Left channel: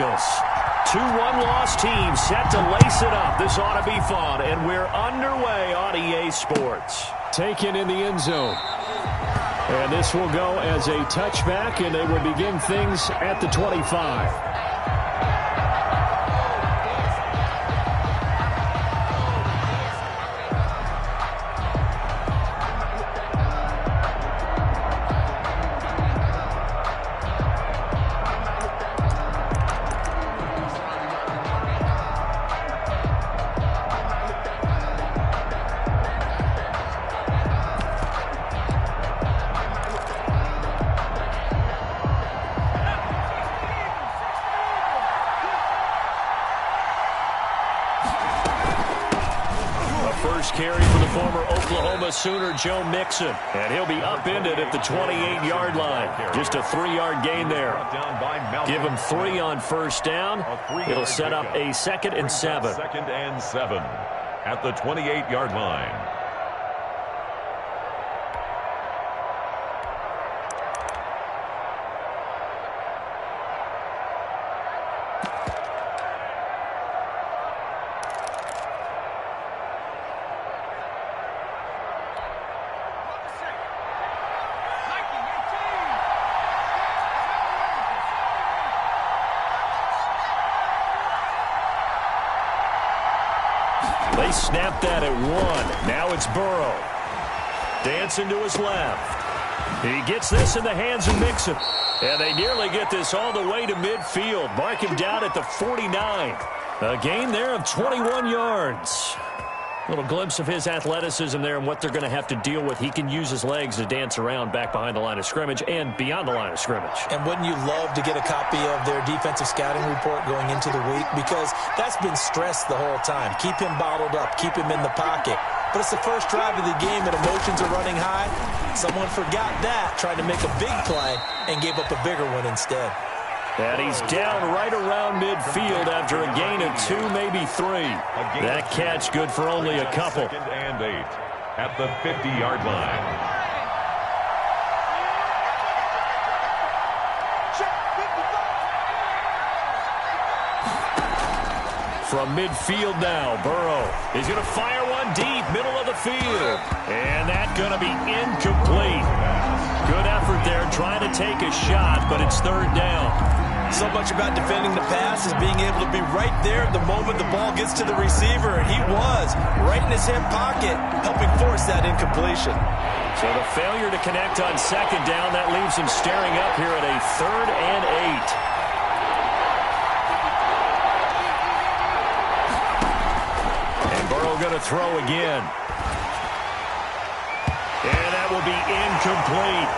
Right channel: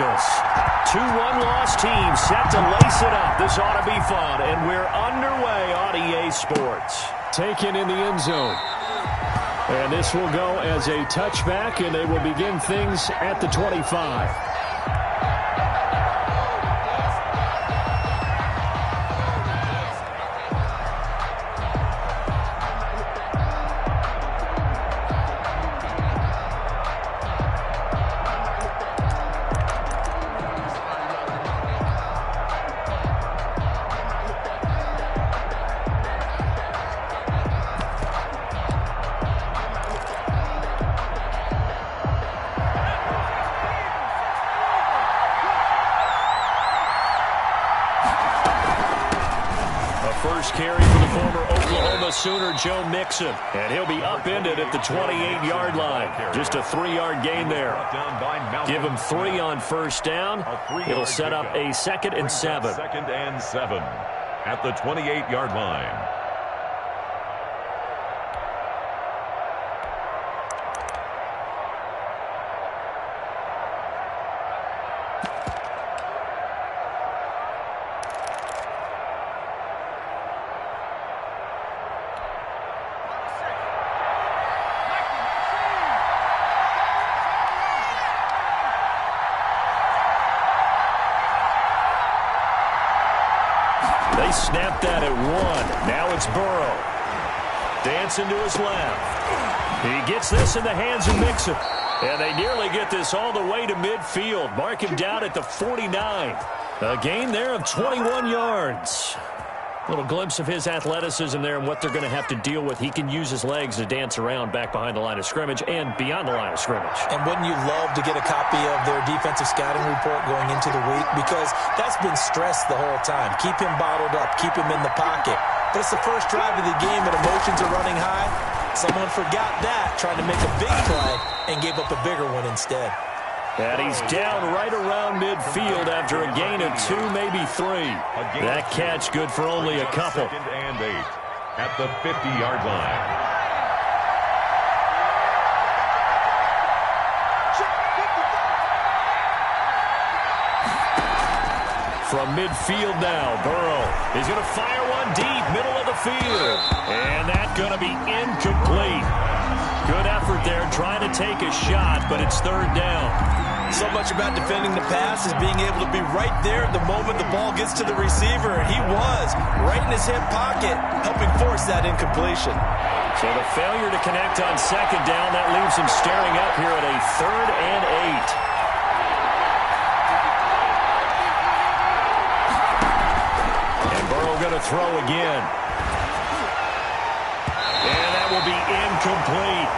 Bengals. 2-1 loss team set to lace it up. This ought to be fun, and we're underway on EA Sports. Taken in the end zone. And this will go as a touchback, and they will begin things at the 25. First carry for the former Oklahoma Sooner, Joe Mixon. And he'll be upended at the 28-yard line. Just a 3-yard gain there. Give him 3 on first down. It'll set up a 2nd and 7. 2nd and 7 at the 28-yard line. They snapped that at 1. Now it's Burrow. Dancing to his left. He gets this in the hands of Mixon. And they nearly get this all the way to midfield. Mark him down at the 49. A gain there of 21 yards. Little glimpse of his athleticism there and what they're going to have to deal with. He can use his legs to dance around back behind the line of scrimmage and beyond the line of scrimmage. And wouldn't you love to get a copy of their defensive scouting report going into the week? Because that's been stressed the whole time. Keep him bottled up. Keep him in the pocket. But it's the first drive of the game and emotions are running high. Someone forgot that, trying to make a big play and gave up a bigger one instead. And he's down right around midfield after a gain of 2, maybe 3. That catch good for only a couple. 2nd and 8 at the 50-yard line. From midfield now, Burrow is going to fire one deep, middle of the field. And that's going to be incomplete. Good effort there, trying to take a shot, but it's 3rd down. So much about defending the pass is being able to be right there at the moment the ball gets to the receiver, and he was right in his hip pocket, helping force that incompletion. So the failure to connect on 2nd down, that leaves him staring up here at a 3rd and 8. Going to throw again. And that will be incomplete.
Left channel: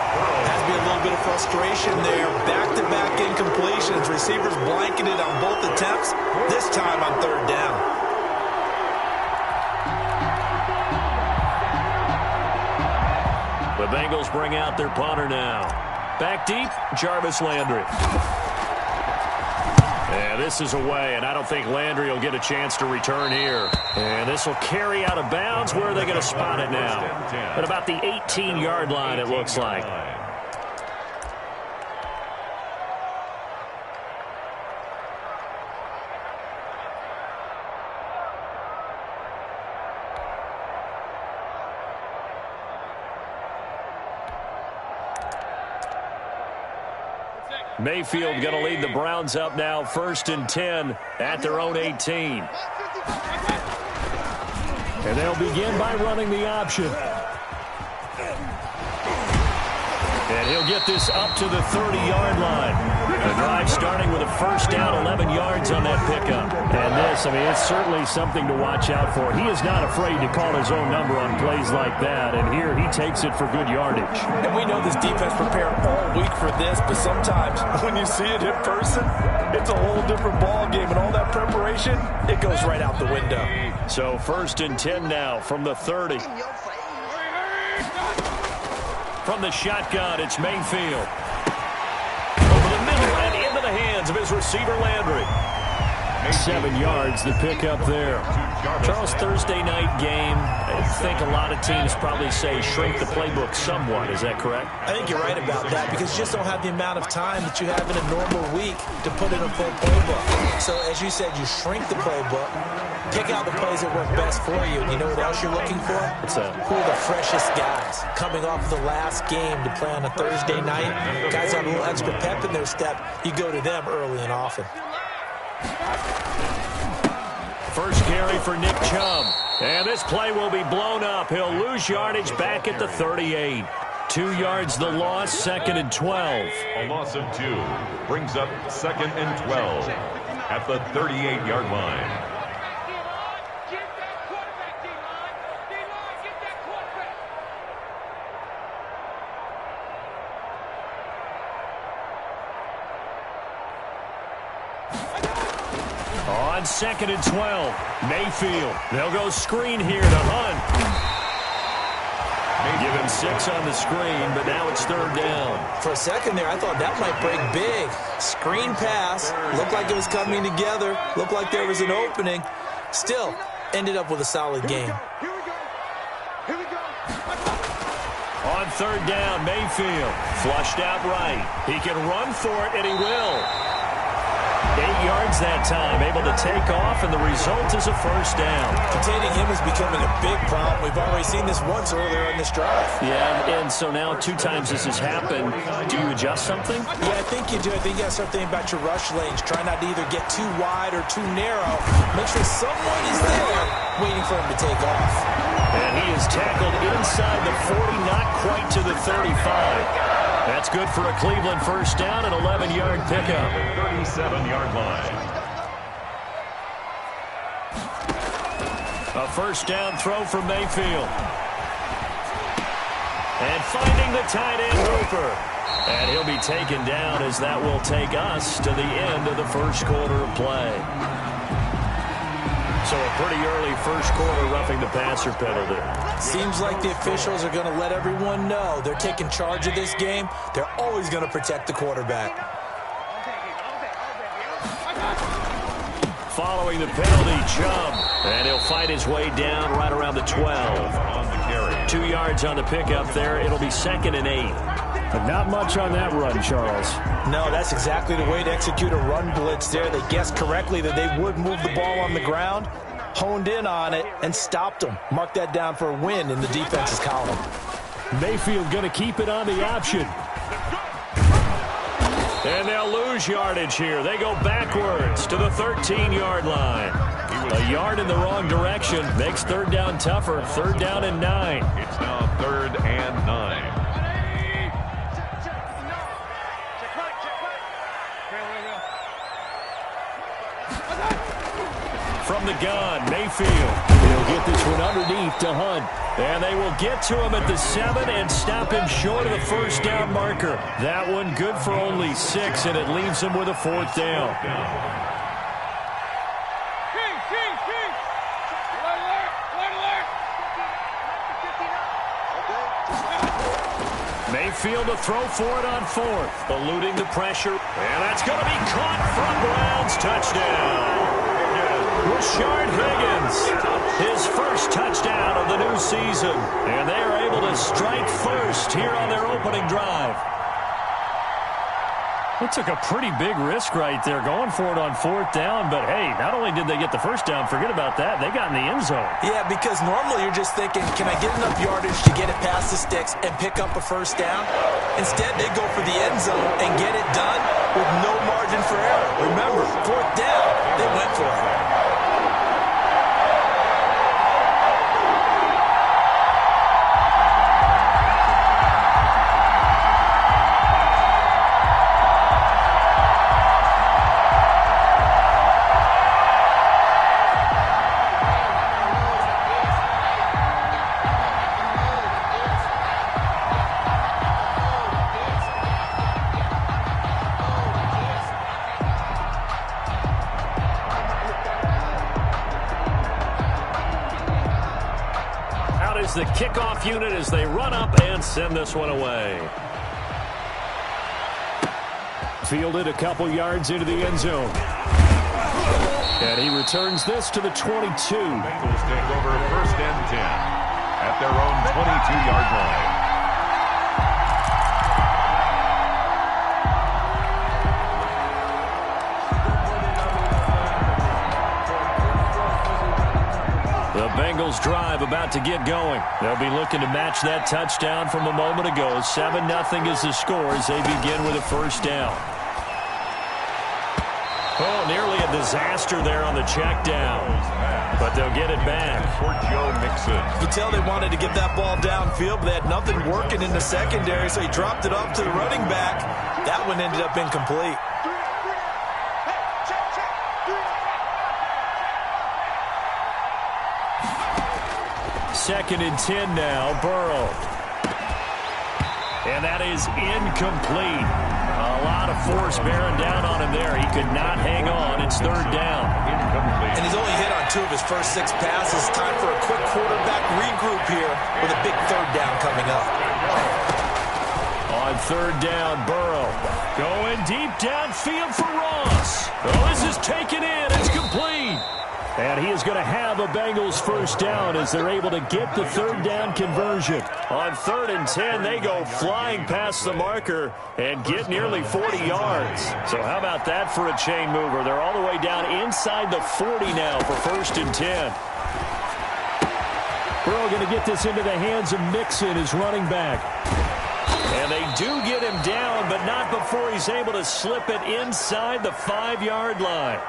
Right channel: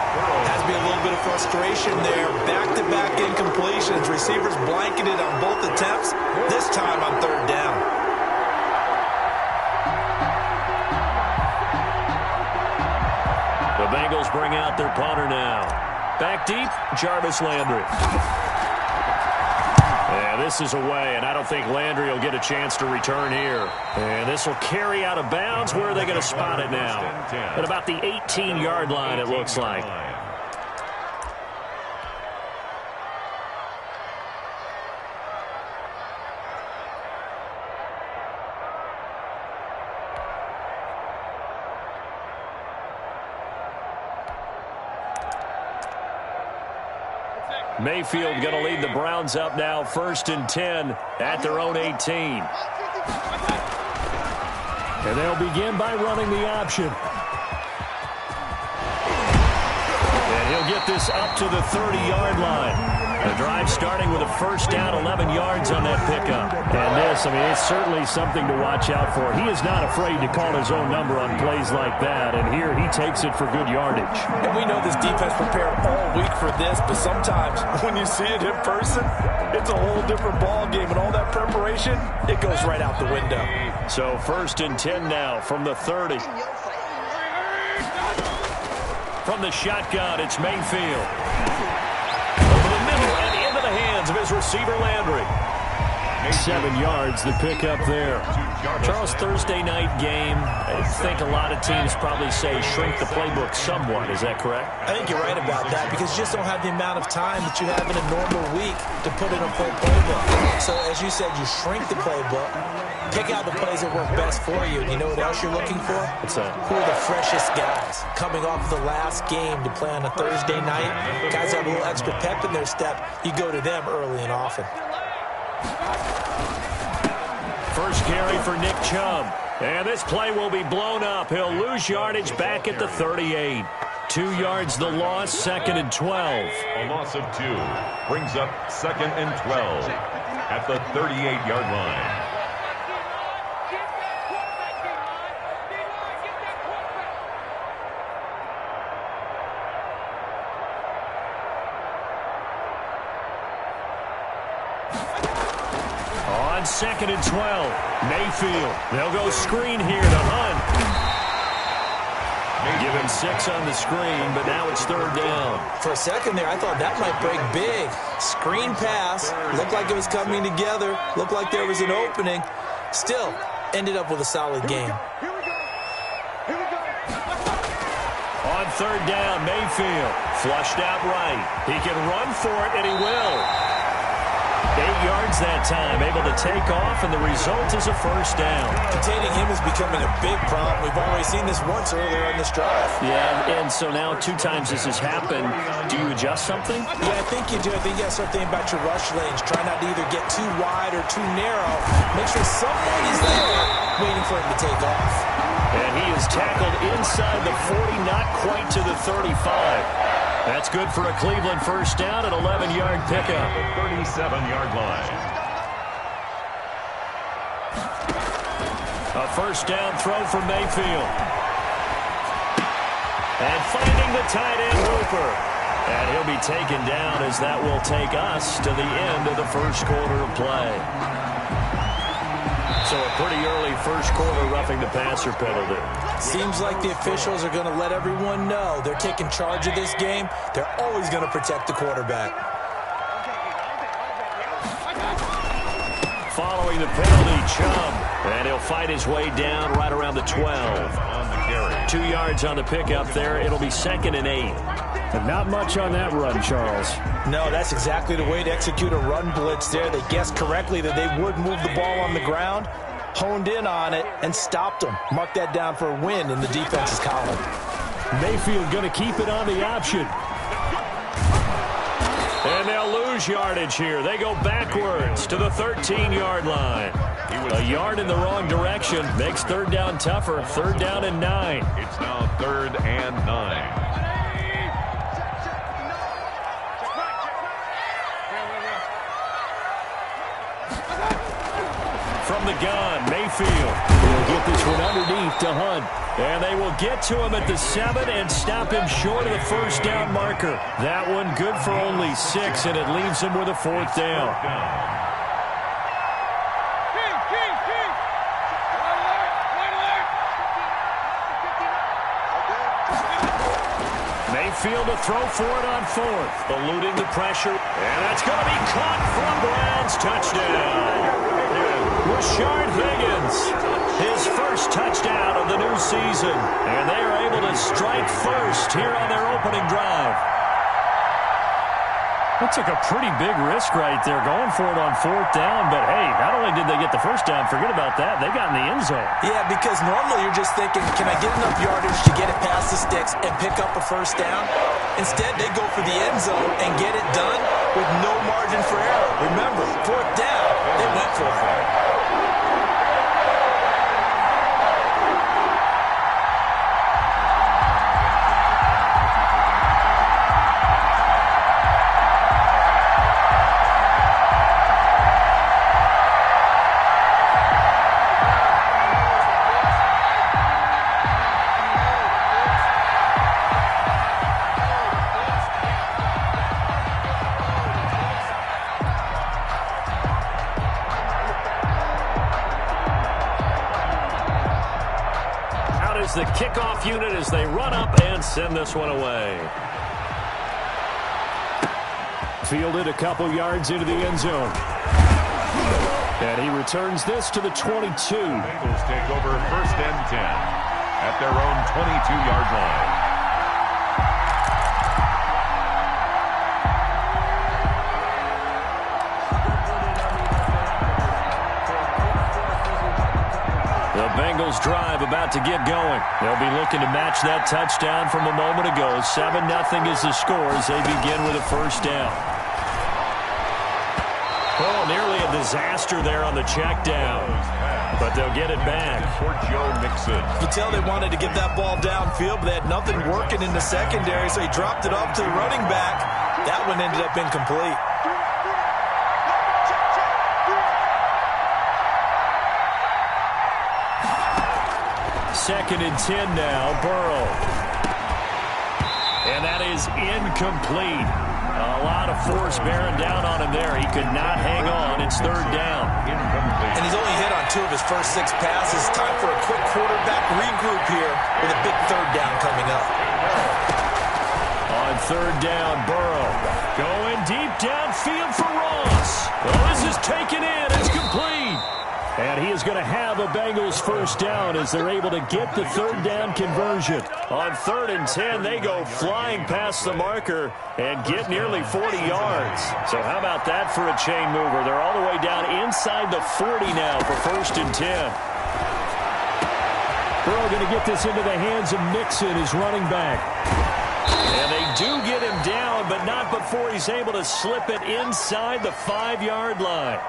Has to be a little bit of frustration there. Back-to-back incompletions. Receivers blanketed on both attempts. This time on 3rd down. The Bengals bring out their punter now. Back deep, Jarvis Landry. Yeah, this is away, and I don't think Landry will get a chance to return here. And this will carry out of bounds. Where are they going to spot it now? At about the 18-yard line, it looks like. Mayfield going to lead the Browns up now, 1st and 10 at their own 18. And they'll begin by running the option. And he'll get this up to the 30-yard line. The drive starting with a 1st down, 11 yards on that pickup. And this, I mean, it's certainly something to watch out for. He is not afraid to call his own number on plays like that, and here he takes it for good yardage. And we know this defense prepared all week for this, but sometimes when you see it in person, it's a whole different ball game, and all that preparation, it goes right out the window. So 1st and 10 now from the 30. From the shotgun, it's Mayfield. Over the middle and into the hands of his receiver, Landry. 7 yards, the pickup there. Charles, Thursday night game, I think a lot of teams probably say shrink the playbook somewhat. Is that correct? I think you're right about that because you just don't have the amount of time that you have in a normal week to put in a full playbook. So, as you said, you shrink the playbook, pick out the plays that work best for you. You know what else you're looking for? What's that? Who are the freshest guys coming off the last game to play on a Thursday night? Guys have a little extra pep in their step. You go to them early and often. First carry for Nick Chubb. And this play will be blown up. He'll lose yardage back at the 38. 2 yards the loss, 2nd and 12. A loss of 2 brings up 2nd and 12 at the 38-yard line. On 2nd and 12, Mayfield. They'll go screen here to Hunt. Give him 6 on the screen, but now it's 3rd down. For a second there, I thought that might break big. Screen pass. Looked like it was coming together. Looked like there was an opening. Still, ended up with a solid game. On 3rd down, Mayfield. Flushed out right. He can run for it, and he will. 8 yards that time, able to take off, and the result is a 1st down. Containing him is becoming a big problem. We've already seen this once earlier in this drive. Yeah, and so now 2 times this has happened. Do you adjust something? Yeah, I think you do. I think you got to start thinking about your rush lanes. Try not to either get too wide or too narrow. Make sure someone is there waiting for him to take off. And he is tackled inside the 40, not quite to the 35. That's good for a Cleveland 1st down, an 11-yard pickup. 37-yard line. A 1st down throw for Mayfield. And finding the tight end Hooper. And he'll be taken down as that will take us to the end of the 1st quarter of play. So a pretty early 1st quarter roughing the passer penalty. Seems like the officials are going to let everyone know they're taking charge of this game. They're always going to protect the quarterback. Following the penalty, Chubb. And he'll fight his way down right around the 12. On the carry. 2 yards on the pickup there. It'll be 2nd and 8. But not much on that run, Charles. No, that's exactly the way to execute a run blitz there. They guessed correctly that they would move the ball on the ground, honed in on it, and stopped them. Mark that down for a win in the defense's column. Mayfield going to keep it on the option. And they'll lose yardage here. They go backwards to the 13-yard line. A yard in the wrong direction makes 3rd down tougher. 3rd down and 9. It's now 3rd and 9. From the gun, Mayfield. He'll get this one underneath to Hunt. And they will get to him at the 7 and stop him short of the 1st down marker. That one good for only 6, and it leaves him with a 4th down. Mayfield to throw for it on 4th. Eluding the pressure. And that's going to be caught from Browns. Touchdown. Rashard Higgins, his 1st touchdown of the new season. And they are able to strike first here on their opening drive. They took a pretty big risk right there going for it on 4th down. But, hey, not only did they get the 1st down, forget about that. They got in the end zone. Yeah, because normally you're just thinking, can I get enough yardage to get it past the sticks and pick up a 1st down? Instead, they go for the end zone and get it done with no margin for error. Remember, 4th down, they went for it. The kickoff unit as they run up and send this one away. Fielded a couple yards into the end zone. And he returns this to the 22. Bengals take over 1st and 10 at their own 22-yard line. The Bengals drive about to get going. They'll be looking to match that touchdown from a moment ago. 7-0 is the score as they begin with a 1st down. Oh, nearly a disaster there on the check down. But they'll get it back. For Joe Mixon. You tell they wanted to get that ball downfield, but they had nothing working in the secondary, so he dropped it off to the running back. That one ended up incomplete. 2nd and 10 now, Burrow. And that is incomplete. A lot of force bearing down on him there. He could not hang on. It's 3rd down. Incomplete. And he's only hit on 2 of his first 6 passes. Time for a quick quarterback regroup here with a big 3rd down coming up. On 3rd down, Burrow going deep downfield for Ross. Oh, this is taken in. It's complete. And he is going to have a Bengals 1st down as they're able to get the 3rd down conversion. On 3rd and 10, they go flying past the marker and get nearly 40 yards. So how about that for a chain mover? They're all the way down inside the 40 now for 1st and 10. Burrow going to get this into the hands of Mixon, his running back. And they do get him down, but not before he's able to slip it inside the 5-yard line.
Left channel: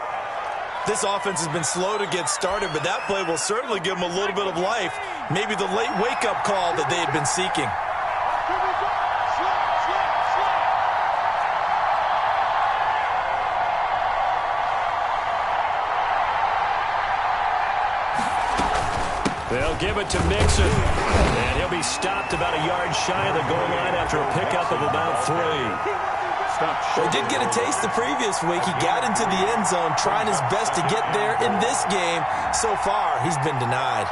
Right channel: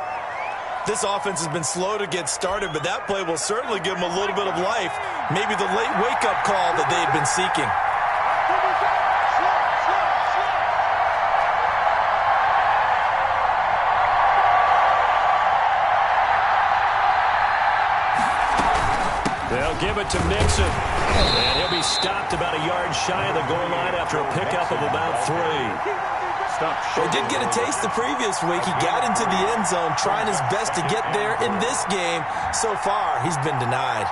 This offense has been slow to get started, but that play will certainly give them a little bit of life. Maybe the late wake-up call that they had been seeking. They'll give it to Mixon. And he'll be stopped about a yard shy of the goal line after a pickup of about 3. He did get a taste the previous week. He got into the end zone trying his best to get there in this game. So far, he's been denied.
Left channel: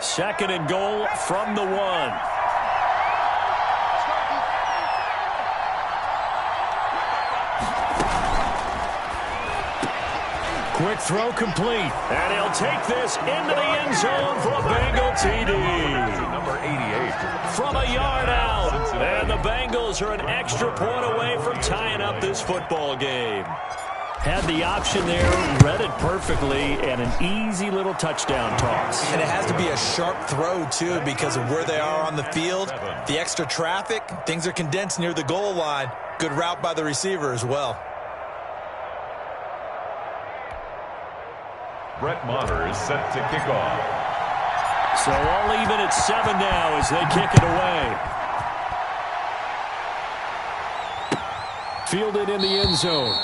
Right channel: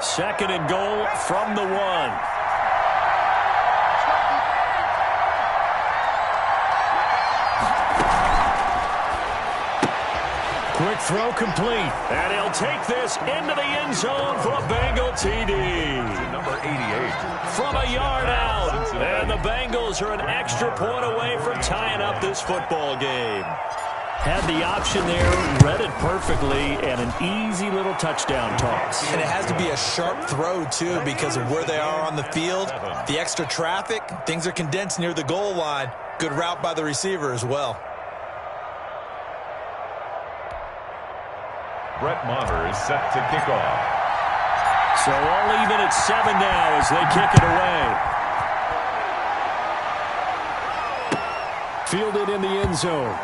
Second and goal from the 1. Quick throw complete. And he'll take this into the end zone for a Bengal TD. Number 88. From a yard out. And the Bengals are an extra point away from tying up this football game. Had the option there, read it perfectly, and an easy little touchdown toss. And it has to be a sharp throw, too, because of where they are on the field. The extra traffic, things are condensed near the goal line. Good route by the receiver as well. Brett Maher is set to kick off. So all even at 7 now as they kick it away. Fielded in the end zone.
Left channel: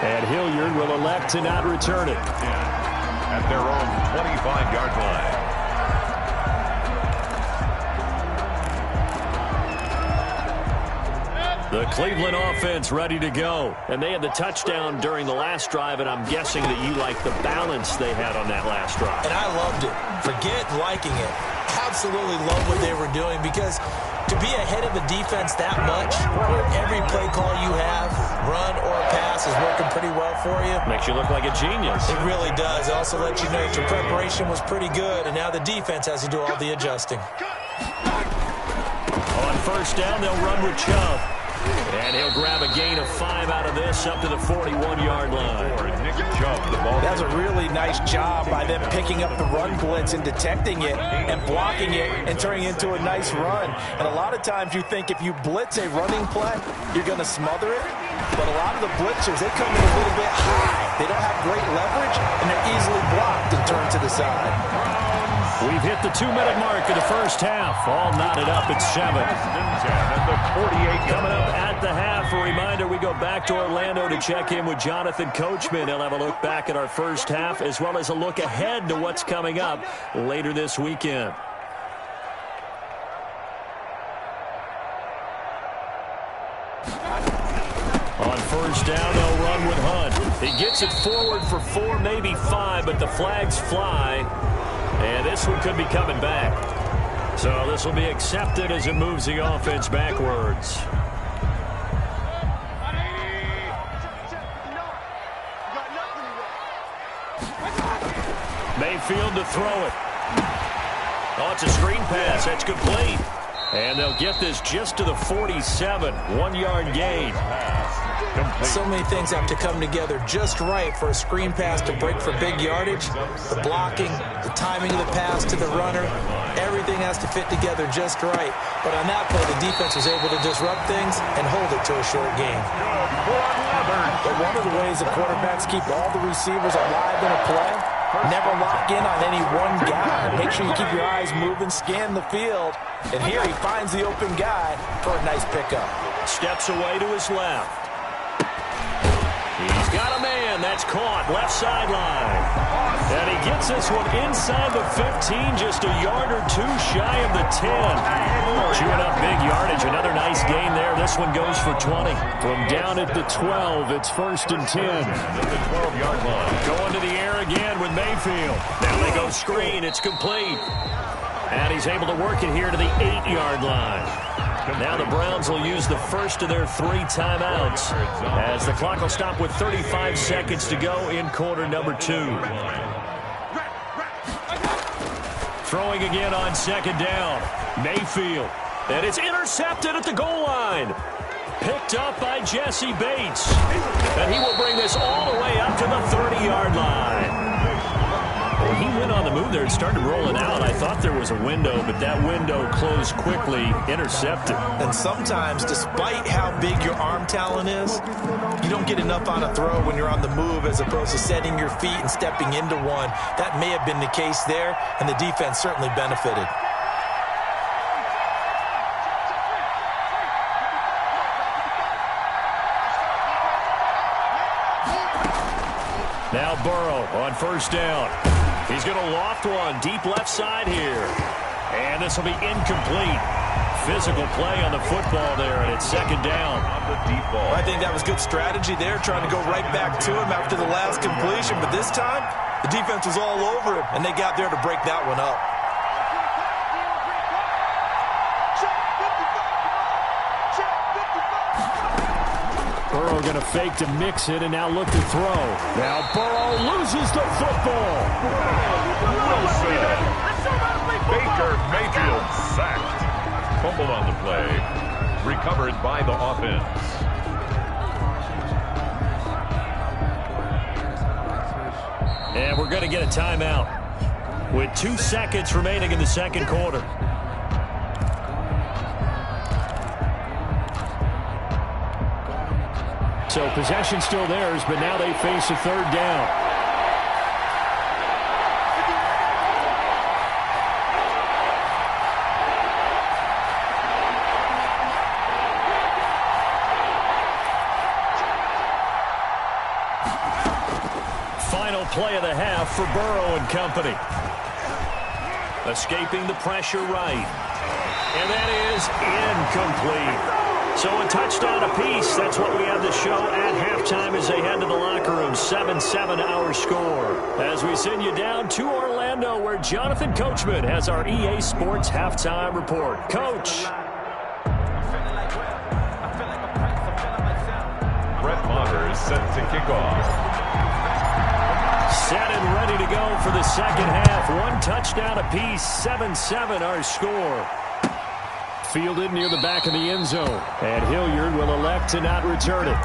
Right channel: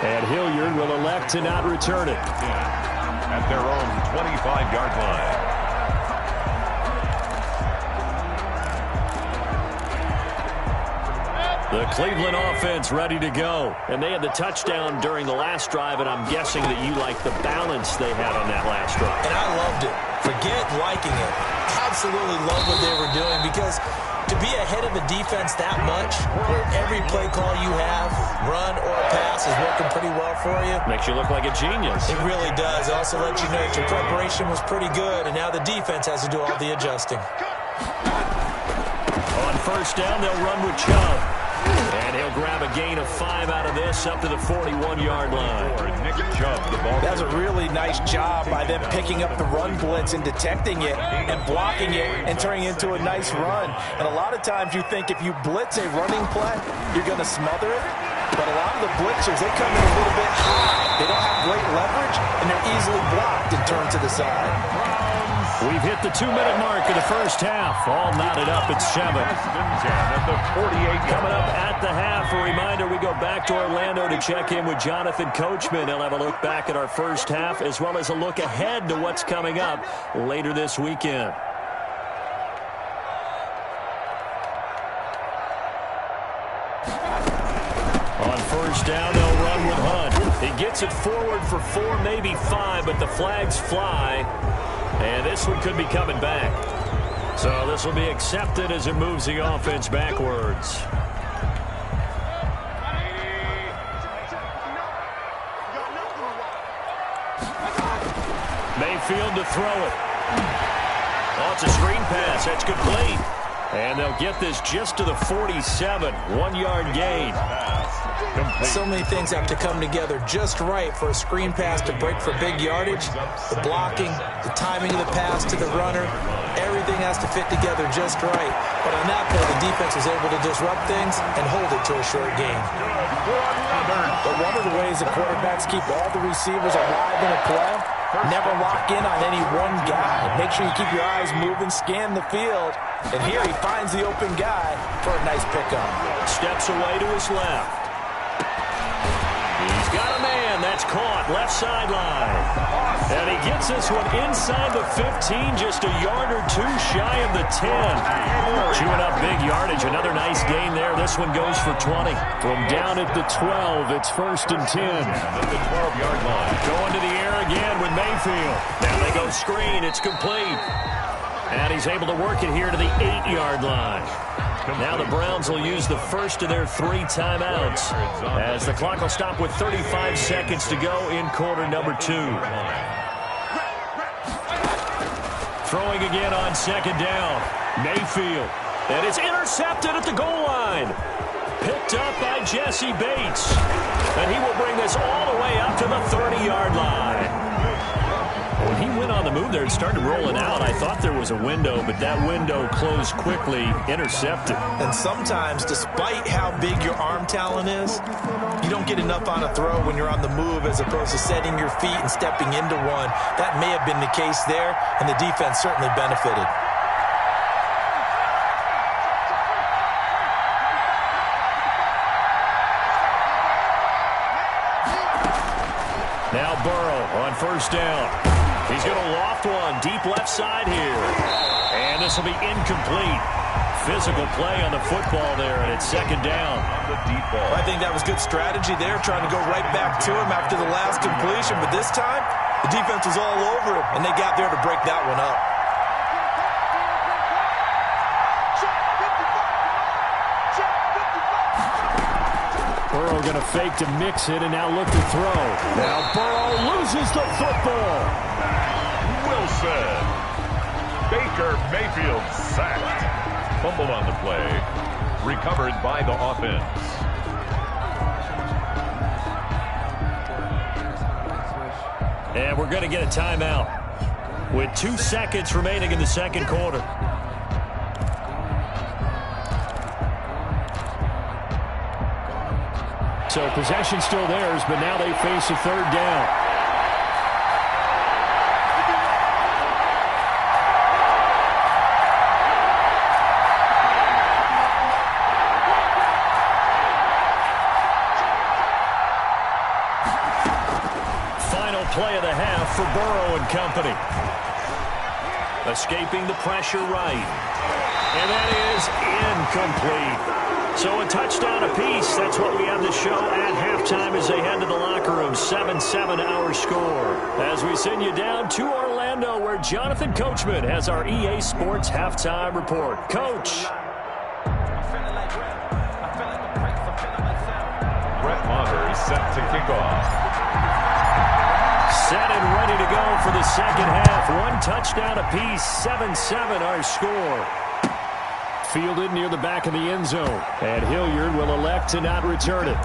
And Hilliard will elect to not return it. At their own 25-yard line. The Cleveland offense ready to go. And they had the touchdown during the last drive, and I'm guessing that you like the balance they had on that last drive. And I loved it. Forget liking it. Absolutely love what they were doing, because to be ahead of a defense that much, where every play call you have, run or pass, is working pretty well for you. Makes you look like a genius. It really does. It also lets you know that your preparation was pretty good, and now the defense has to do all the adjusting. On first down, they'll run with Chubb. And he'll grab a gain of 5 out of this up to the 41-yard line. Nick Chubb, the ball. That was a really nice job by them picking up the run blitz and detecting it and blocking it and turning it into a nice run. And a lot of times you think if you blitz a running play, you're going to smother it. But a lot of the blitzers, they come in a little bit high. They don't have great leverage, and they're easily blocked and turned to the side. We've hit the 2-minute mark of the first half. All knotted up at 7. At the 48. Coming up at the half, a reminder, we go back to Orlando to check in with Jonathan Coachman. He'll have a look back at our first half, as well as a look ahead to what's coming up later this weekend. On first down, they'll run with Hunt. He gets it forward for 4, maybe 5, but the flags fly. And this one could be coming back. So this will be accepted as it moves the offense backwards. Mayfield to throw it. Oh, it's a screen pass. That's complete. And they'll get this just to the 47. 1-yard gain. So many things have to come together just right for a screen pass to break for big yardage. The blocking, the timing of the pass to the runner, everything has to fit together just right. But on that play, the defense was able to disrupt things and hold it to a short gain. But one of the ways the quarterbacks keep all the receivers alive in a play, never lock in on any one guy. Make sure you keep your eyes moving, scan the field. And here he finds the open guy for a nice pickup. Steps away to his left. He's got a man. That's caught. Left sideline. And he gets this one inside the 15, just a yard or two shy of the 10. Chewing up big yardage. Another nice gain there. This one goes for 20. From down at the 12, it's 1st and 10. At the 12-yard line. Going to the air again with Mayfield. Now they go screen. It's complete. And he's able to work it here to the 8-yard line. Now the Browns will use the first of their 3 timeouts as the clock will stop with 35 seconds to go in quarter number 2. Throwing again on 2nd down. Mayfield. And it's intercepted at the goal line. Picked up by Jesse Bates. And he will bring this all the way up to the 30-yard line. When he went on the move there and started rolling out, I thought there was a window, but that window closed quickly, intercepted. And sometimes, despite how big your arm talent is, you don't get enough on a throw when you're on the move as opposed to setting your feet and stepping into one. That may have been the case there, and the defense certainly benefited. Now Burrow on 1st down. He's going to loft one deep left side here. And this will be incomplete. Physical play on the football there, and it's 2nd down. On the deep ball. I think that was good strategy there, trying to go right back to him after the last completion. But this time, the defense was all over him, and they got there to break that one up. Burrow going to fake to mix it and now look to throw. Now Burrow loses the football. Wilson. Baker Mayfield sacked. Fumbled on the play. Recovered by the offense. And we're going to get a timeout with 2 seconds remaining in the 2nd quarter. So possession still theirs, but now they face a 3rd down. Final play of the half for Burrow and company. Escaping the pressure right. And that is incomplete. So a touchdown apiece. That's what we have to show at halftime as they head to the locker room. 7-7 our score. As we send you down to Orlando, where Jonathan Coachman has our EA Sports halftime report. Coach. Brett Maher is set to kick off. Set and ready to go for the 2nd half. 1 touchdown apiece. 7-7 our score. Fielded near the back of the end zone. And Hilliard will elect to not return it.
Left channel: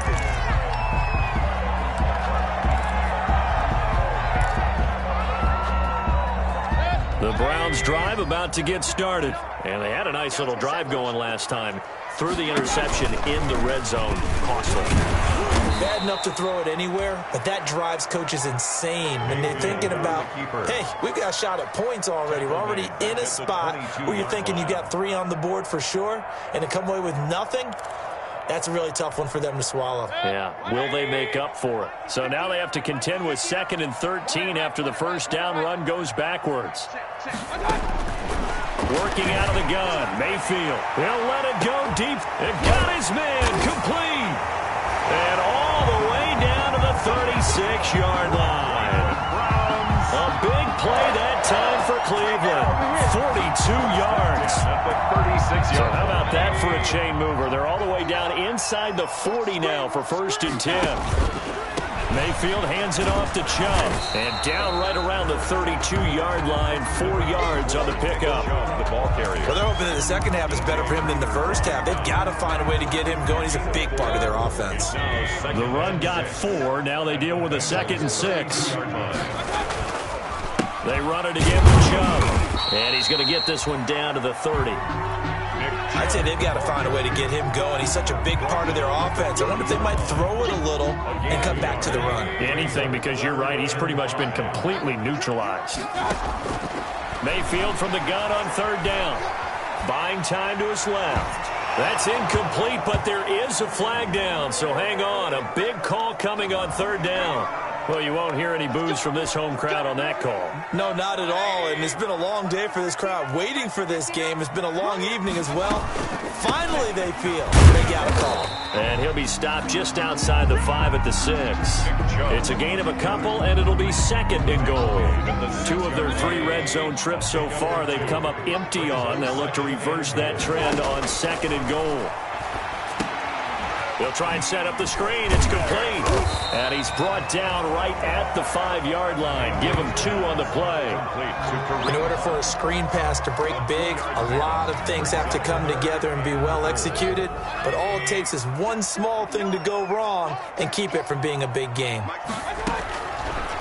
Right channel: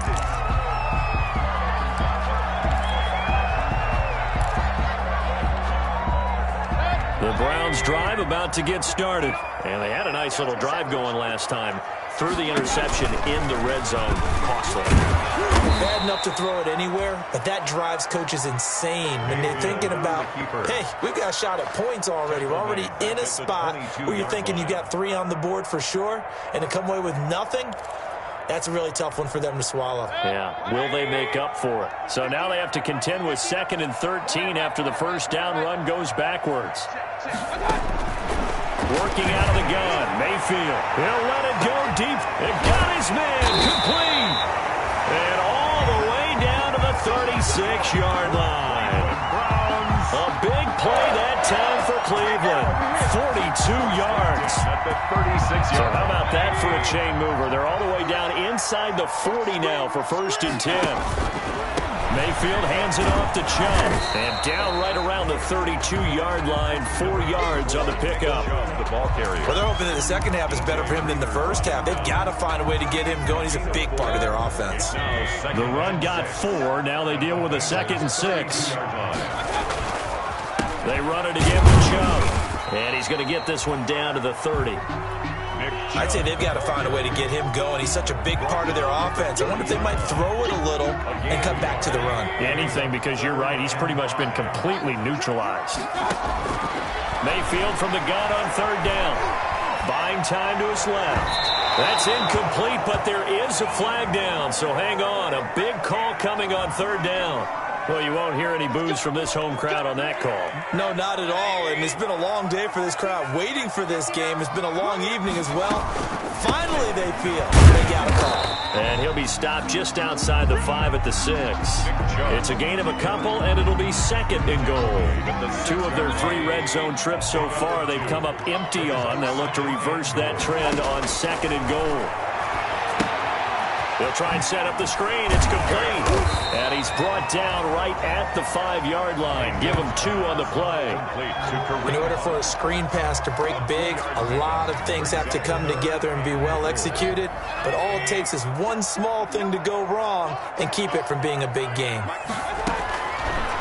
The Browns drive about to get started. And they had a nice little drive going last time. Threw the interception in the red zone. Costly. Bad enough to throw it anywhere, but that drives coaches insane when they're thinking about, hey, we've got a shot at points already. We're already in a spot where you're thinking you got 3 on the board for sure, and to come away with nothing, that's a really tough one for them to swallow. Yeah, will they make up for it? So now they have to contend with 2nd and 13 after the 1st down run goes backwards. Working out of the gun, Mayfield. He'll let it go deep. It got his man complete. And all the way down to the 36-yard line. A big play that time for Cleveland. 42 yards. At the 36-yard So how about that for a chain mover? They're all the way down inside the 40 now for 1st and 10. Mayfield hands it off to Chubb. And down right around the 32-yard line, 4 yards on the pickup. The ball carrier. Well, they're hoping that the second half is better for him than the first half. They've got to find a way to get him going. He's a big part of their offense. The run got 4. Now they deal with a 2nd and 6. They run it again with Chubb. And he's going to get this one down to the 30. I'd say they've got to find a way to get him going. He's such a big part of their offense. I wonder if they might throw it a little and cut back to the run. Anything, because you're right. He's pretty much been completely neutralized. Mayfield from the gun on 3rd down. Buying time to his left. That's incomplete, but there is a flag down, so hang on. A big call coming on 3rd down. Well, you won't hear any boos from this home crowd on that call. No, not at all, and it's been a long day for this crowd waiting for this game. It's been a long evening as well. Finally, they feel they got a call. And he'll be stopped just outside the 5 at the 6. It's a gain of a couple, and it'll be 2nd and goal. 2 of their 3 red zone trips so far they've come up empty on. They'll look to reverse that trend on 2nd and goal. They'll try and set up the screen. It's complete. And he's brought down right at the 5-yard line. Give him 2 on the play. In order for a screen pass to break big, a lot of things have to come together and be well executed. But all it takes is one small thing to go wrong and keep it from being a big game.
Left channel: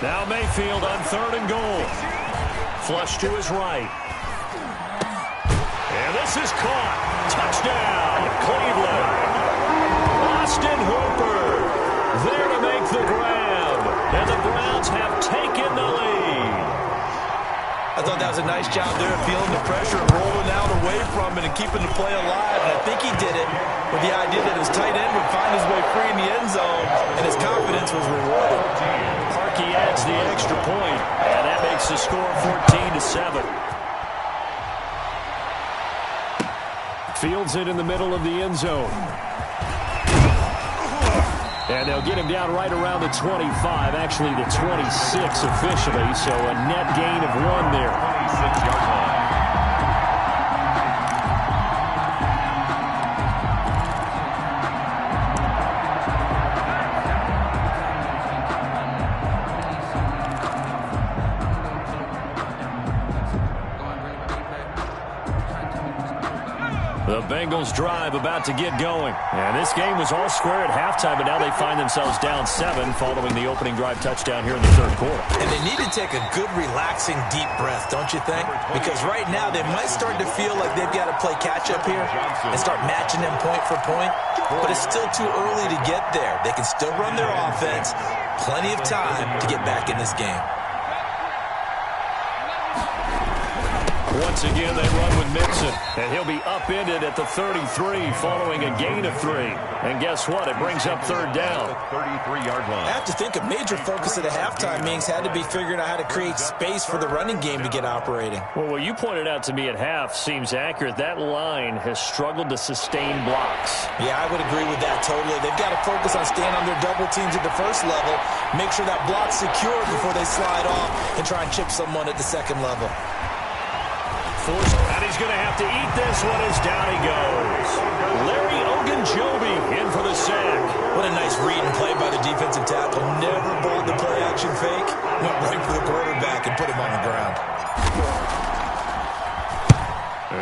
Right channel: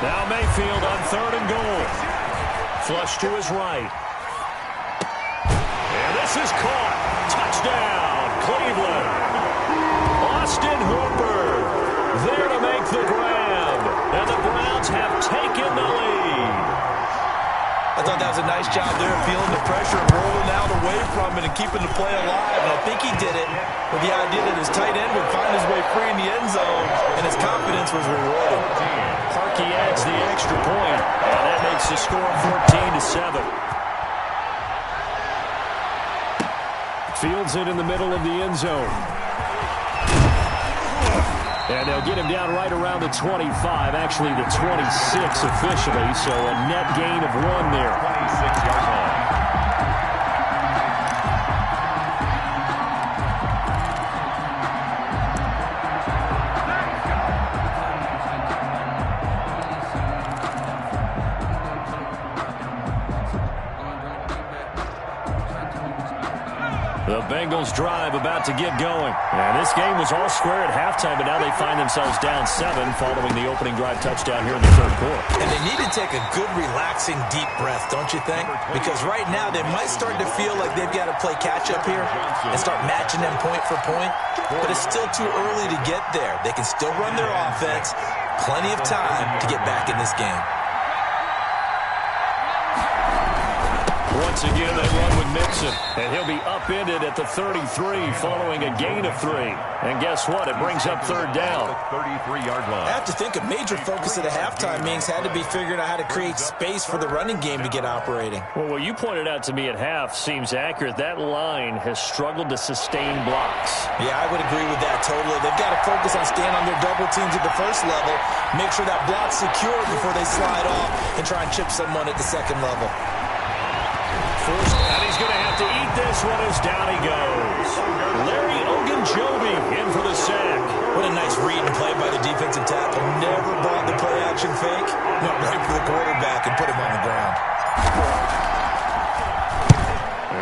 Now Mayfield on 3rd and goal. Flush to his right. And this is caught. Touchdown, Cleveland. Austin Hooper there to make the grab. And the Browns have taken the lead. I thought that was a nice job there, feeling the pressure and rolling out away from it and keeping the play alive. And I think he did it with the idea that his tight end would find his way free in the end zone, and his confidence was rewarded. Parkey adds the extra point, and that makes the score 14-7. Fields it in the middle of the end zone. And they'll get him down right around the 25, actually the 26 officially, so a net gain of 1 there. 26-yard line. The Bengals drive about to get going. And this game was all square at halftime, but now they find themselves down 7 following the opening drive touchdown here in the 3rd quarter. And they need to take a good, relaxing, deep breath, don't you think? Because right now they might start to feel like they've got to play catch-up here and start matching them point for point. But it's still too early to get there. They can still run their offense. Plenty of time to get back in this game. Once again, they run with Mixon, and he'll be upended at the 33 following a gain of 3. And guess what? It brings up 3rd down. 33-yard line. I have to think a major focus of the halftime meetings had to be figuring out how to create space for the running game to get operating. Well, what you pointed out to me at half seems accurate. That line has struggled to sustain blocks. Yeah, I would agree with that totally. They've got to focus on staying on their double teams at the first level, make sure that block's secure before they slide off and try and chip someone at the 2nd level. Forced, and he's going to have to eat this one as down he goes. Larry Ogunjobi in for the sack. What a nice read and play by the defensive tackle. Never bought the play-action fake. Went right for the quarterback and put him on the ground.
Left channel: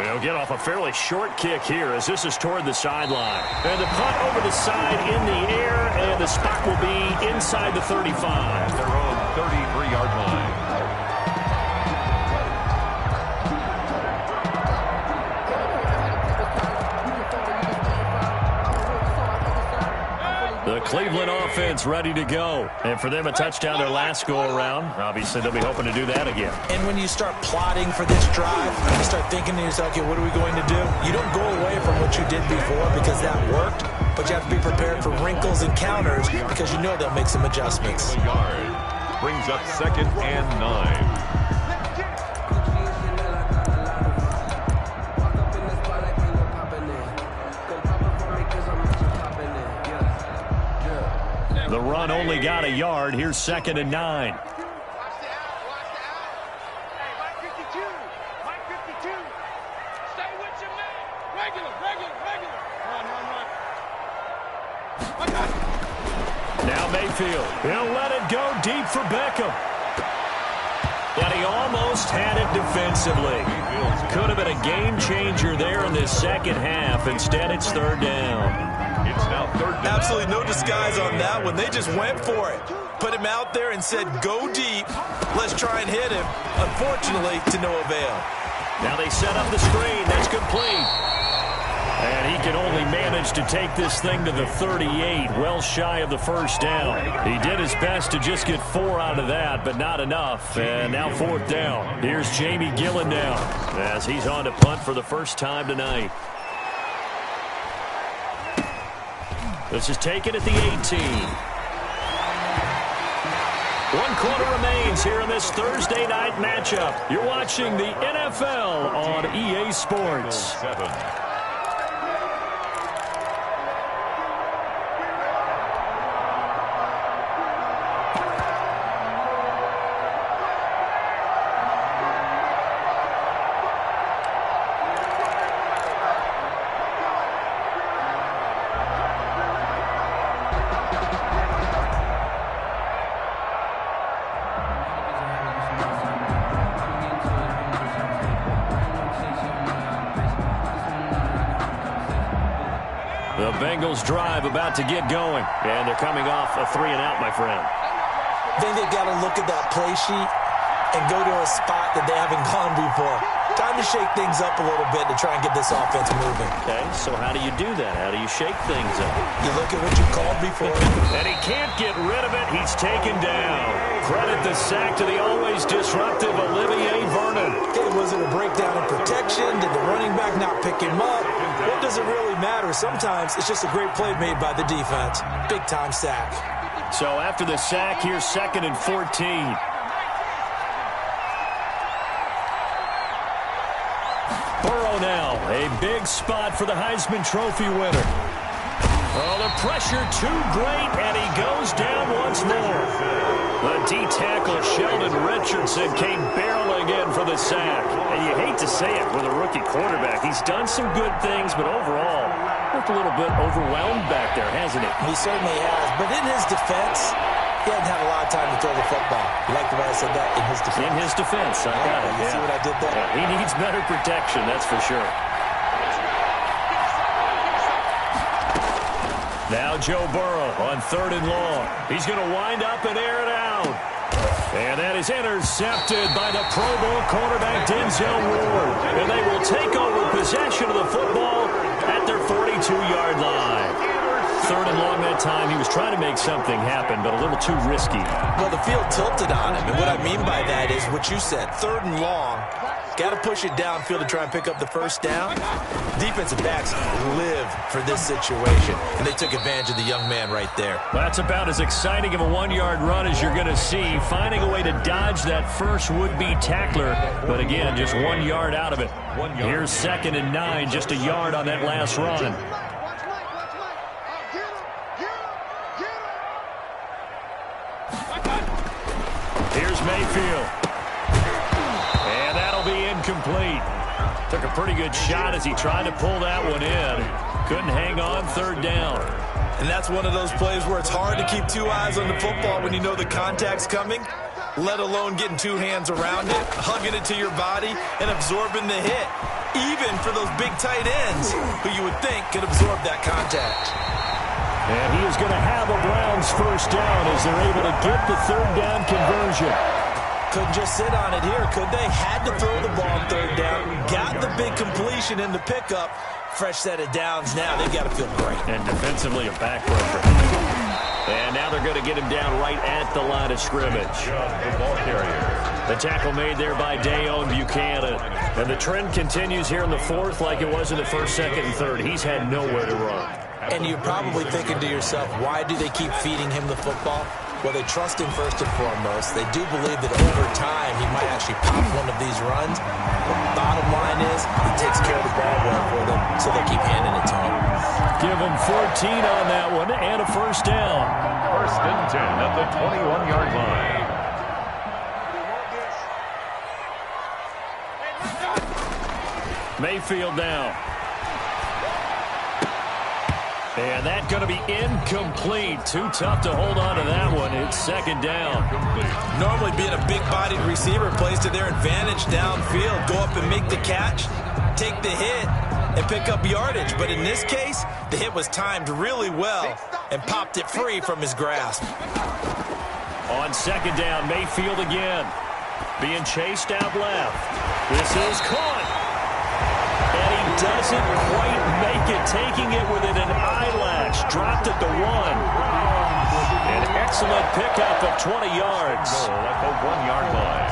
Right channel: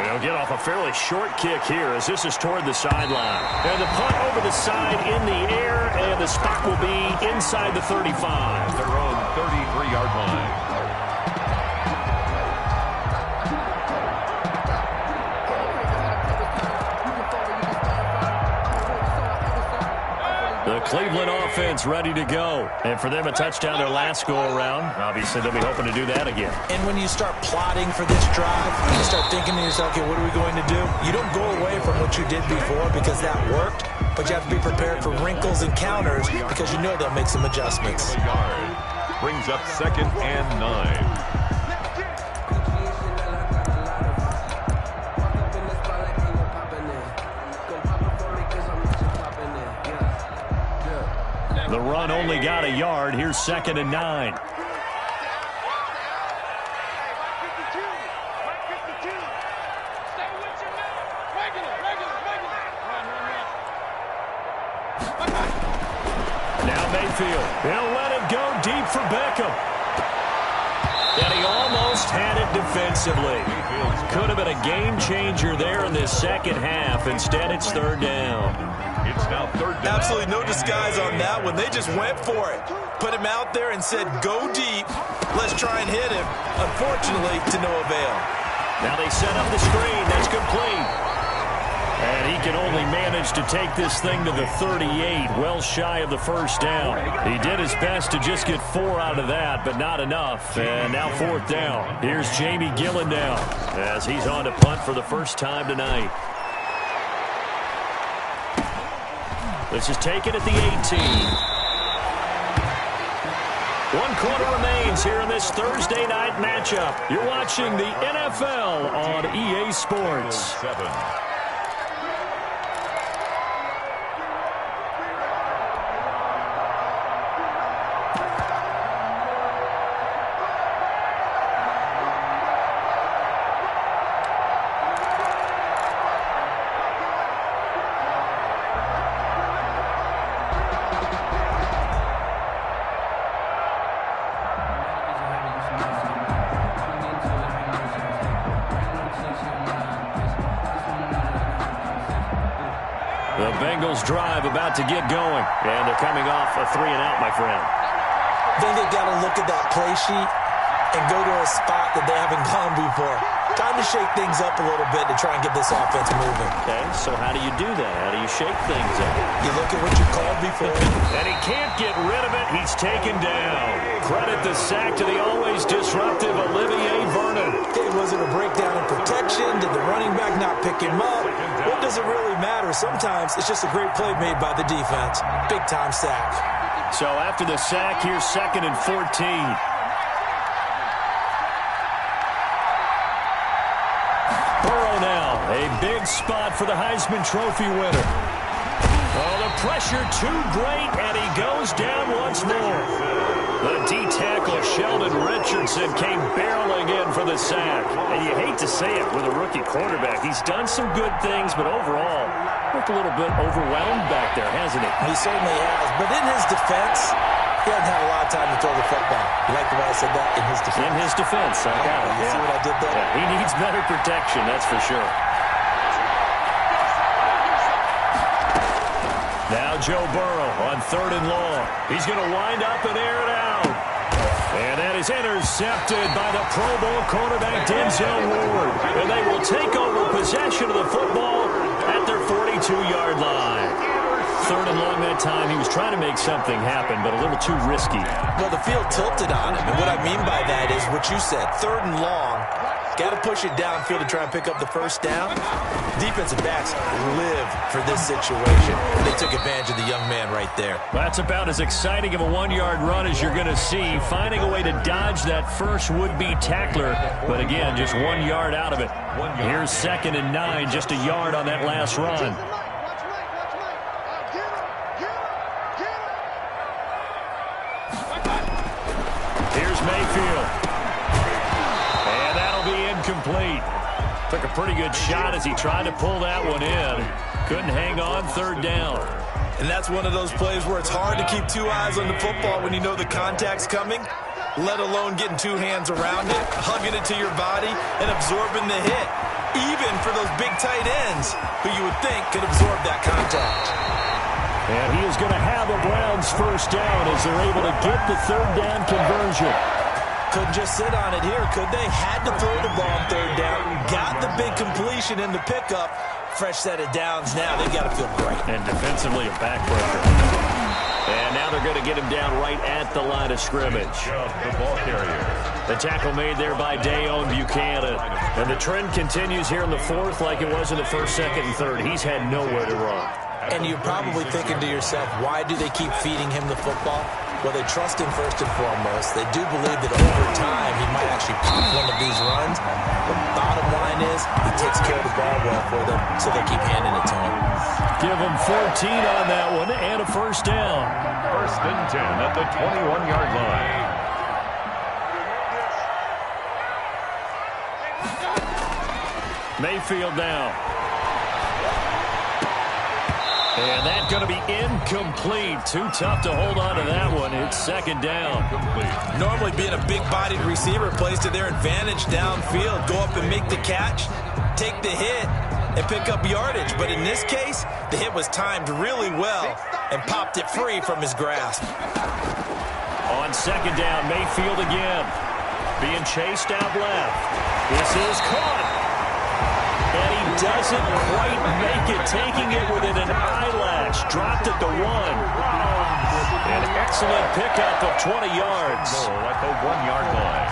They'll get off a fairly short kick here as this is toward the sideline. And the punt over the side in the air, and the spot will be inside the 35. Their own 33-yard line. The Cleveland offense ready to go. And for them, a touchdown their last go-around. Obviously, they'll be hoping to do that again. And when you start plotting for this drive, you start thinking to yourself, okay, what are we going to do? You don't go away from what you did before because that worked, but you have to be prepared for wrinkles and counters because you know they'll make some adjustments. Brings up 2nd and 9. The run only got a yard. Here's 2nd and 9. Now Mayfield. He'll let it go deep for Beckham. And he almost had it defensively. Could have been a game changer there in this second half. Instead, it's 3rd down. It's now 3rd down. Absolutely no disguise on that one. They just went for it. Put him out there and said, go deep. Let's try and hit him. Unfortunately, to no avail. Now they set up the screen. That's complete. And he can only manage to take this thing to the 38, well shy of the 1st down. He did his best to just get 4 out of that, but not enough. And now 4th down. Here's Jamie Gillen now as he's on to punt for the first time tonight. This is taken at the 18. 1 quarter remains here in this Thursday night matchup. You're watching the NFL on EA Sports. 7. The Bengals drive about to get going, and they're coming off a 3-and-out, my friend. I think they've got to look at that play sheet and go to a spot that they haven't gone before. Time to shake things up a little bit to try and get this offense moving. Okay, so how do you do that? How do you shake things up? You look at what you called before. And he can't get rid of it. He's taken down. Credit the sack to the always disruptive Olivier Vernon. Okay, was it a breakdown in protection? Did the running back not pick him up? What does it really matter? Sometimes it's just a great play made by the defense. Big-time sack. So after the sack, here's 2nd and 14. Burrow now, a big spot for the Heisman Trophy winner. Oh, the pressure too great, and he goes down once more. The D-tackle Sheldon Richardson came barreling in for the sack. And you hate to say it with a rookie quarterback. He's done some good things, but overall, looked a little bit overwhelmed back there, hasn't he? He certainly has, but in his defense, he hasn't had a lot of time to throw the football. You like the way I said that? In his defense. In his defense, I got it. You see what I did there? Yeah, he needs better protection, that's for sure. Now Joe Burrow on 3rd and long. He's going to wind up and air it out. And that is intercepted by the Pro Bowl cornerback Denzel Ward. And they will take over possession of the football at their 42-yard line. 3rd and long that time. He was trying to make something happen, but a little too risky. Well, the field tilted on him, and what I mean by that is what you said. 3rd and long, got to push it downfield to try and pick up the 1st down. Defensive backs live for this situation, and they took advantage of the young man right there. That's about as exciting of a 1-yard run as you're going to see, finding a way to dodge that first would-be tackler, but again, just 1 yard out of it. Here's 2nd and 9, just a yard on that last run. Here's Mayfield. And that'll be incomplete. Took a pretty good shot as he tried to pull that one in. Couldn't hang on, 3rd down. And that's one of those plays where it's hard to keep 2 eyes on the football when you know the contact's coming, let alone getting 2 hands around it, hugging it to your body, and absorbing the hit. Even for those big tight ends who you would think could absorb that contact. And he is going to have a Browns 1st down as they're able to get the 3rd down conversion. Couldn't just sit on it here, could they? Had to throw the ball on 3rd down. Got the big completion in the pickup. Fresh set of downs now. They've got to feel great. And defensively a backbreaker. And now they're going to get him down right at the line of scrimmage. The ball carrier. The tackle made there by Dayon Buchanan. And the trend continues here in the 4th like it was in the 1st, 2nd, and 3rd. He's had nowhere to run. And you're probably thinking to yourself, why do they keep feeding him the football? Well, they trust him first and foremost. They do believe that over time he might actually pop one of these runs. The bottom line is he takes care of the ball well for them, so they'll keep handing it to him. Give him 14 on that one and a first down. First and 10 at the 21-yard line. Mayfield now. And that's going to be incomplete. Too tough to hold on to that one. It's second down. Normally being a big-bodied receiver plays to their advantage downfield. Go up and make the catch, take the hit, and pick up yardage. But in this case, the hit was timed really well and popped it free from his grasp. On second down, Mayfield again. Being chased out left. This is caught. And he doesn't quite make it, taking it within an eyelash. Dropped at the 1. An excellent pickup of 20 yards. Goal at the 1-yard line.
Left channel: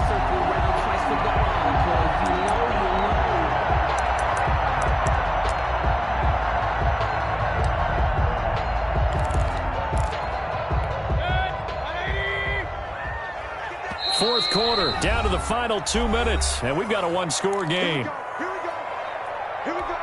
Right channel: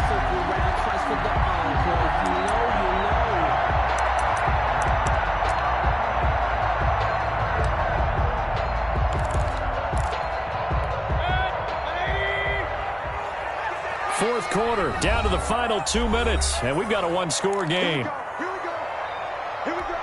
Fourth quarter, down to the final 2 minutes, and we've got a one-score game. Here we go.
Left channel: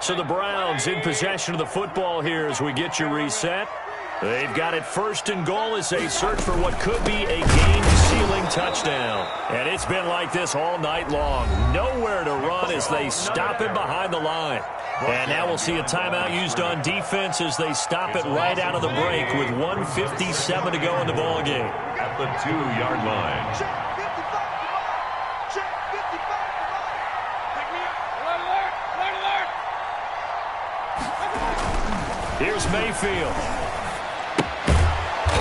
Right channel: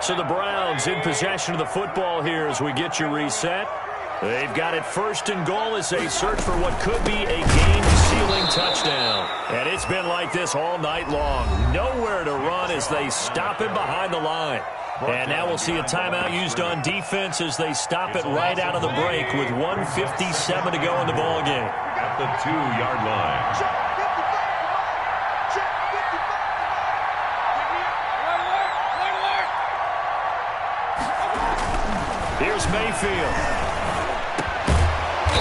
So the Browns in possession of the football here as we get you reset. They've got it first and goal as they search for what could be a game-sealing touchdown. And it's been like this all night long. Nowhere to run as they stop him behind the line. And now we'll see a timeout used on defense as they stop it right out of the break with 1:57 to go in the ballgame. At the 2-yard line. Check 55 to mine. Check 55 to mine. Pick me up. Alert. Here's Mayfield.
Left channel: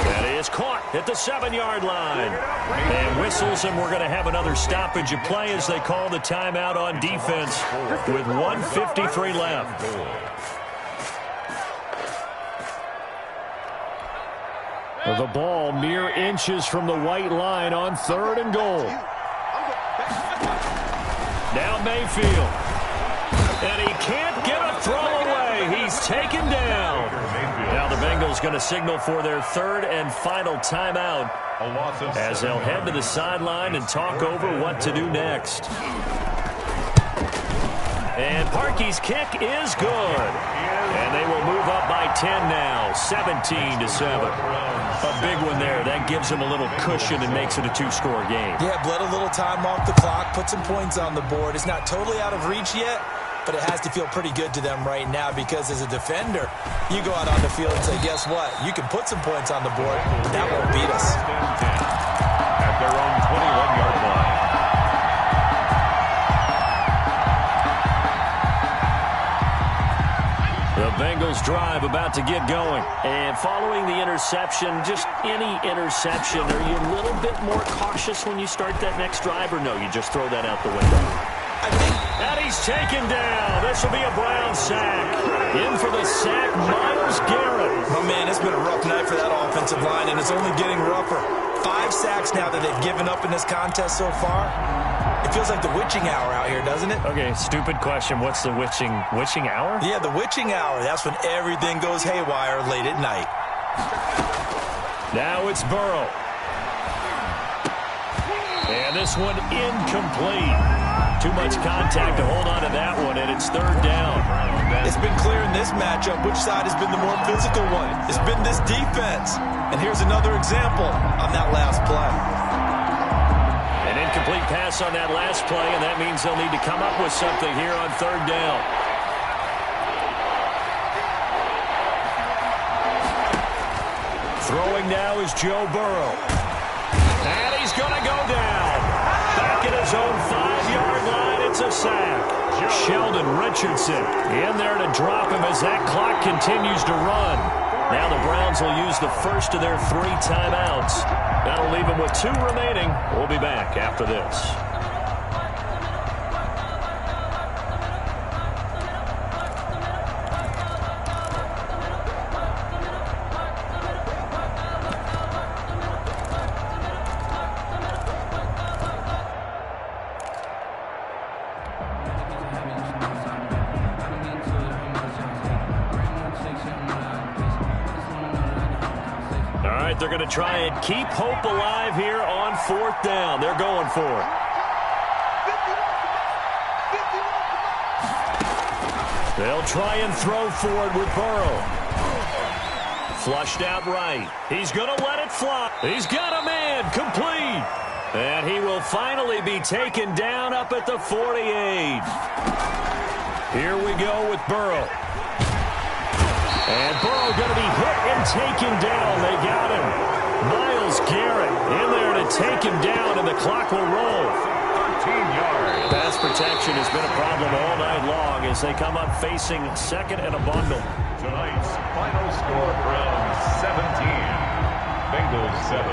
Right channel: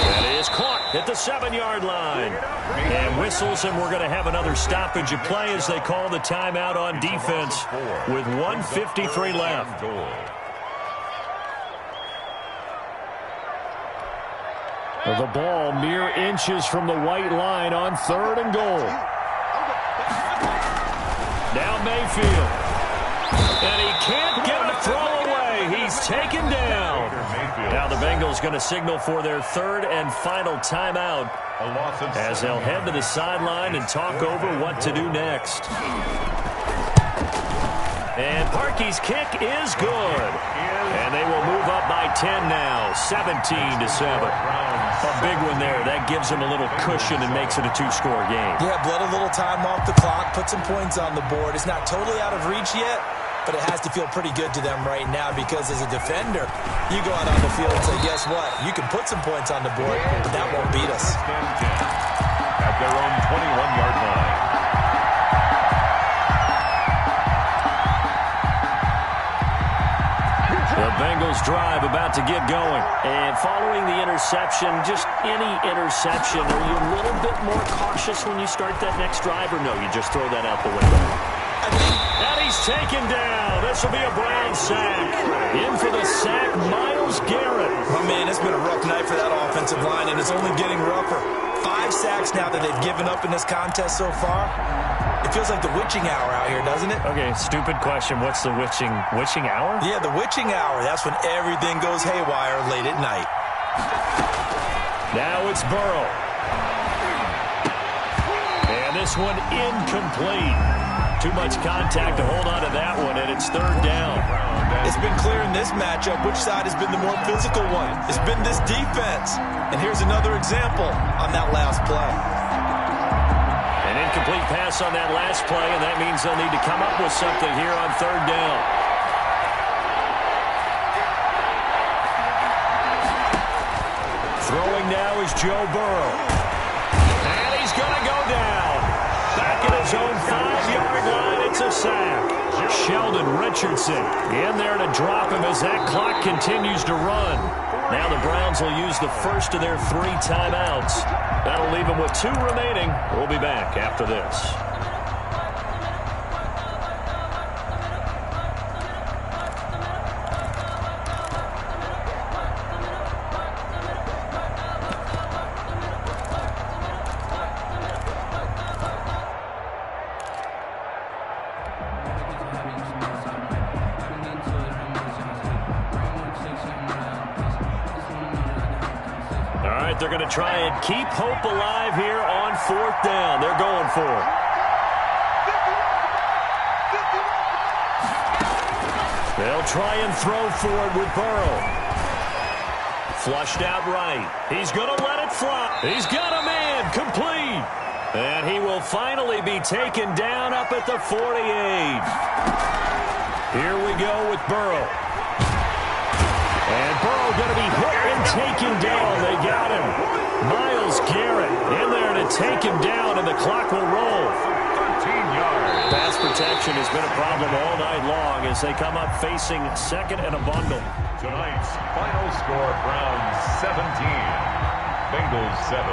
That is caught at the 7-yard line. And whistles, and we're going to have another stoppage of play as they call the timeout on defense with 1:53 left. The ball mere inches from the white line on third and goal. Now Mayfield. And he can't get a throw away. He's taken down. Now the Bengals going to signal for their third and final timeout as they'll head to the sideline and talk over what to do next. And Parkey's kick is good. And they will move up by 10 now, 17-7. A big one there. That gives them a little cushion and makes it a 2-score game. Yeah, bled a little time off the clock, put some points on the board. It's not totally out of reach yet, but it has to feel pretty good to them right now because as a defender, you go out on the field and say, guess what? You can put some points on the board, but that won't beat us. At their own 21-yard line. The Bengals drive about to get going. And following the interception, just any interception, are you a little bit more cautious when you start that next drive, or no, you just throw that out the window? And he's taken down. This will be a Brown sack. In for the sack, Myles Garrett. Oh, man, it's been a rough night for that offensive line, and it's only getting rougher. 5 sacks now that they've given up in this contest so far. It feels like the witching hour out here, doesn't it? Okay, stupid question. What's the witching hour? Yeah, the witching hour. That's when everything goes haywire late at night. Now it's Burrow. And this one incomplete. Too much contact to hold on to that one, and it's third down. It's been clear in this matchup which side has been the more physical one. It's been this defense. And here's another example on that last play. An incomplete pass on that last play, and that means they'll need to come up with something here on third down. Throwing now is Joe Burrow. And he's going to go down. Back at his own 5-yard line, it's a sack. Sheldon Richardson in there to drop him as that clock continues to run. Now the Browns will use the first of their 3 timeouts. That'll leave them with 2 remaining. We'll be back after this. All right, they're going to try and keep hope alive here on 4th down. They're going for it. 51. They'll try and throw for it with Burrow. Flushed out right. He's going to let it fly. He's got a man. Complete. And he will finally be taken down up at the 48. Here we go with Burrow. And Burrow going to be hit and taken down. They got him. Myles Garrett in there to take him down, and the clock will roll. 13 yards. Pass protection has been a problem all night long as they come up facing second and a bundle. Tonight's final score, Browns 17, Bengals 7.